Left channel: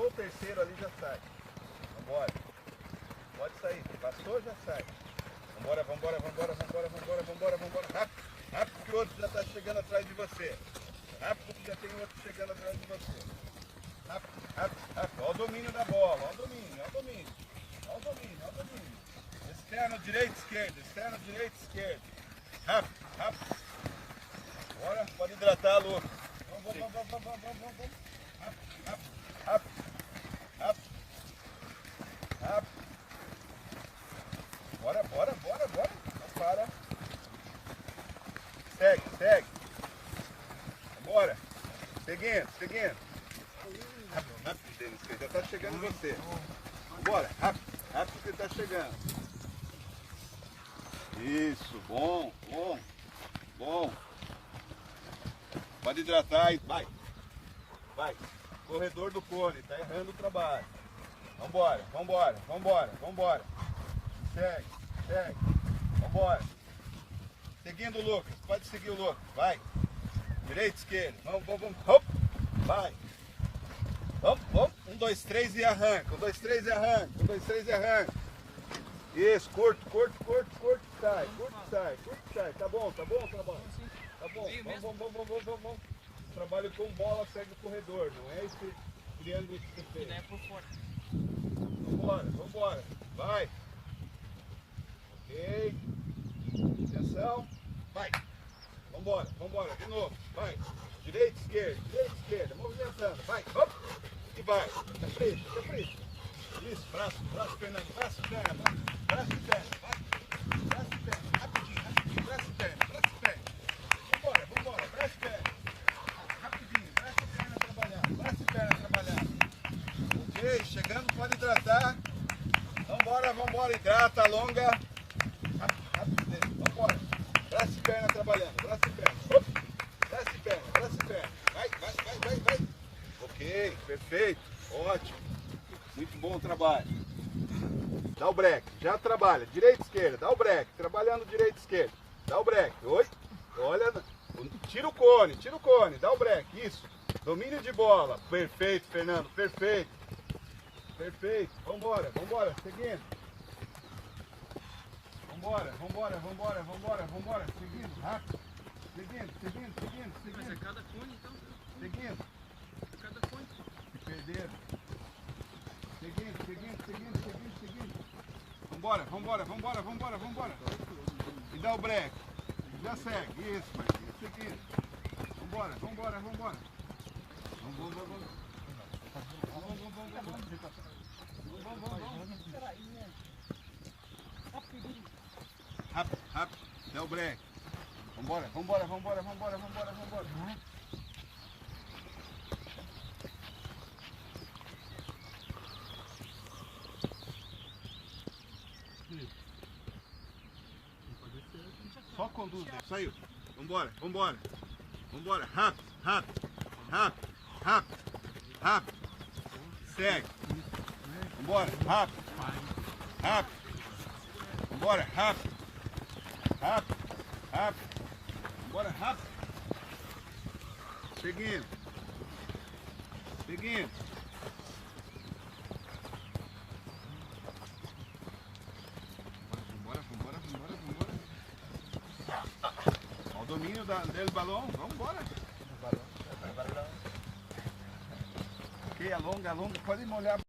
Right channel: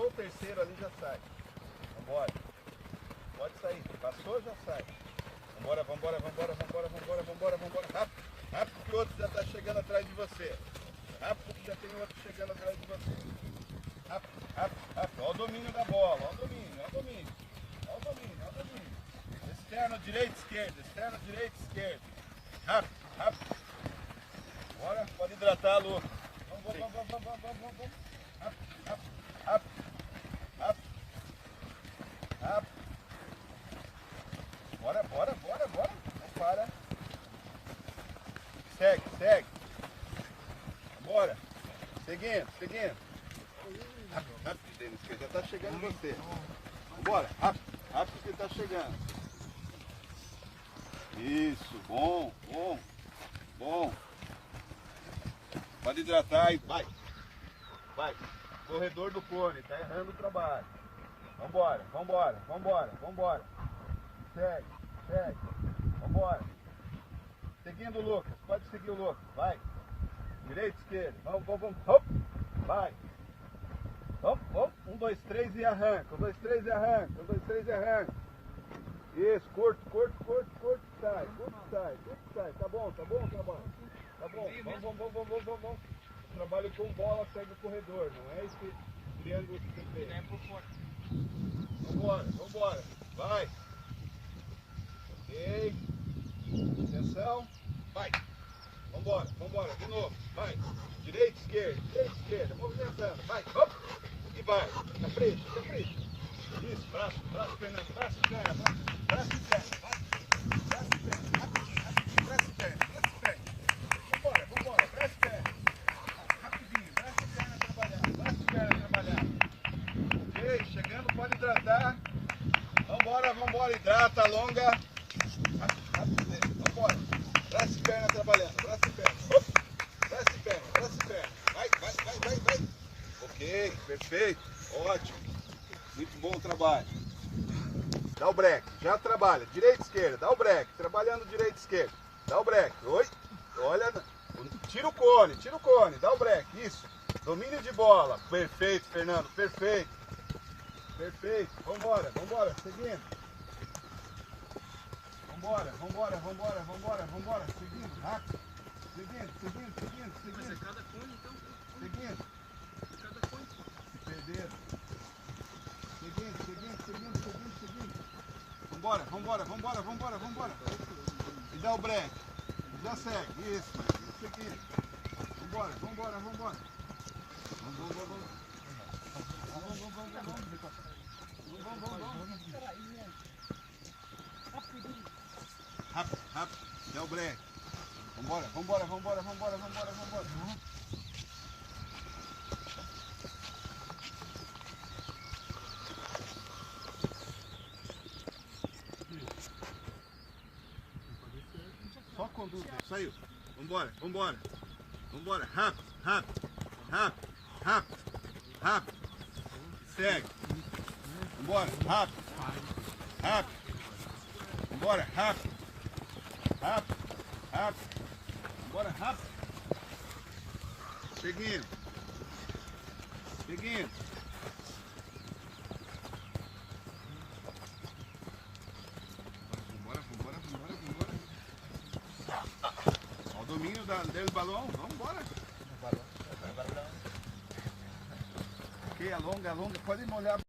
Passou o terceiro ali, já sai. Vambora. Pode sair. Passou, já sai. Vambora, vambora, vambora, vambora, vambora, vambora, vambora. Rápido, rápido que o outro já está chegando atrás de você. Rápido que já tem outro chegando atrás de você. Rápido, rápido, rápido. Olha o domínio da bola. Olha o domínio, olha o domínio. Olha o domínio, olha o domínio. Externo, direito, esquerdo. Externo, direito, esquerdo. Rápido, rápido. Bora, pode hidratar, Lucas. Vamos, vamos, vamos, vamos, vamos, vamos, vamos. Rápido, rápido, rápido, rápido, rápido. Bora, bora, bora, bora. Não para. Segue, segue. Bora. Seguindo, seguindo. Rápido, rápido, Denis, que já está chegando em você. Vambora, rápido, rápido que ele está chegando. Isso, bom, bom, bom. Pode hidratar e vai. Vai. Corredor do cone, tá errando o trabalho. Vambora, vambora, vambora, vambora. Segue, segue. Vambora. Seguindo o Lucas, pode seguir o Lucas, vai. Direita, esquerda, vamos, vamos, vamos. Hop. Vai. Vamos, vamos. 1, 2, 3 e arranca. 1, 2, 3 e arranca. 1, 2, 3 e arranca. Isso, curto, curto, curto, curto, sai, curto, sai, curto, sai. Tá bom o trabalho? Tá bom, vamos, vamos, vamos, vamos, vamos, vamos. Trabalho com bola, segue o corredor, não é esse triângulo que você fez. É por fora. Vambora, vambora, vai. Ok. Atenção, vai. Vambora, vambora, de novo, vai. Direita, esquerda, movimentando, vai, hop. E vai, tá frente, tá frente. Isso, braço, braço, Fernando, braço, perna, braço e perna, vai. Braço e perna, rapidinho, rapidinho, braço e perna, braço e perna. Vambora, vambora, braço e perna. Rapidinho, braço e perna trabalhando, braço e perna trabalhando. Ok, chegando, pode hidratar. Vambora, vambora, hidrata, alonga. Rápido, rápido, vambora. Braço e perna trabalhando, braço e perna. Braço e perna, braço e perna. Vai, vai, vai, vai, vai. Ok, perfeito, ótimo. Muito bom o trabalho. Dá o break, já trabalha. Direita, esquerda, dá o break. Trabalhando direita, esquerda. Dá o break. Oi, olha. Tira o cone, dá o break. Isso. Domínio de bola. Perfeito, Fernando, perfeito. Perfeito. Vambora, vambora, seguindo. Vambora, vambora, vambora, vambora, vambora. Seguindo, rápido. Seguindo, seguindo, seguindo, seguindo. Mas é cada cone, então? Seguindo. Cada cone. Se perderam. Seguindo, seguindo, seguindo, seguindo, seguindo. Vambora, vambora, vambora, vambora, vambora. E dá o break. Já segue. Isso. Seguindo. Vambora, vambora, vambora. Vamos, vamos, vamos. Vamos, vamos, vamos, vamos. Rápido, rápido. Dá o break. Vambora, vambora, vambora, vambora, vambora, vambora. Só conduz, né? Saiu. Vambora, vambora. Vambora. Rápido, rápido, rápido, rápido, rápido. Segue. Vambora, rápido. Rápido. Vambora, rápido. Rápido, rápido. Vambora, rápido. Seguindo. Seguindo. Vambora, vambora, vambora, vambora. Olha o domínio dele balão. Vamos embora. Ok, alonga, alonga. Pode molhar.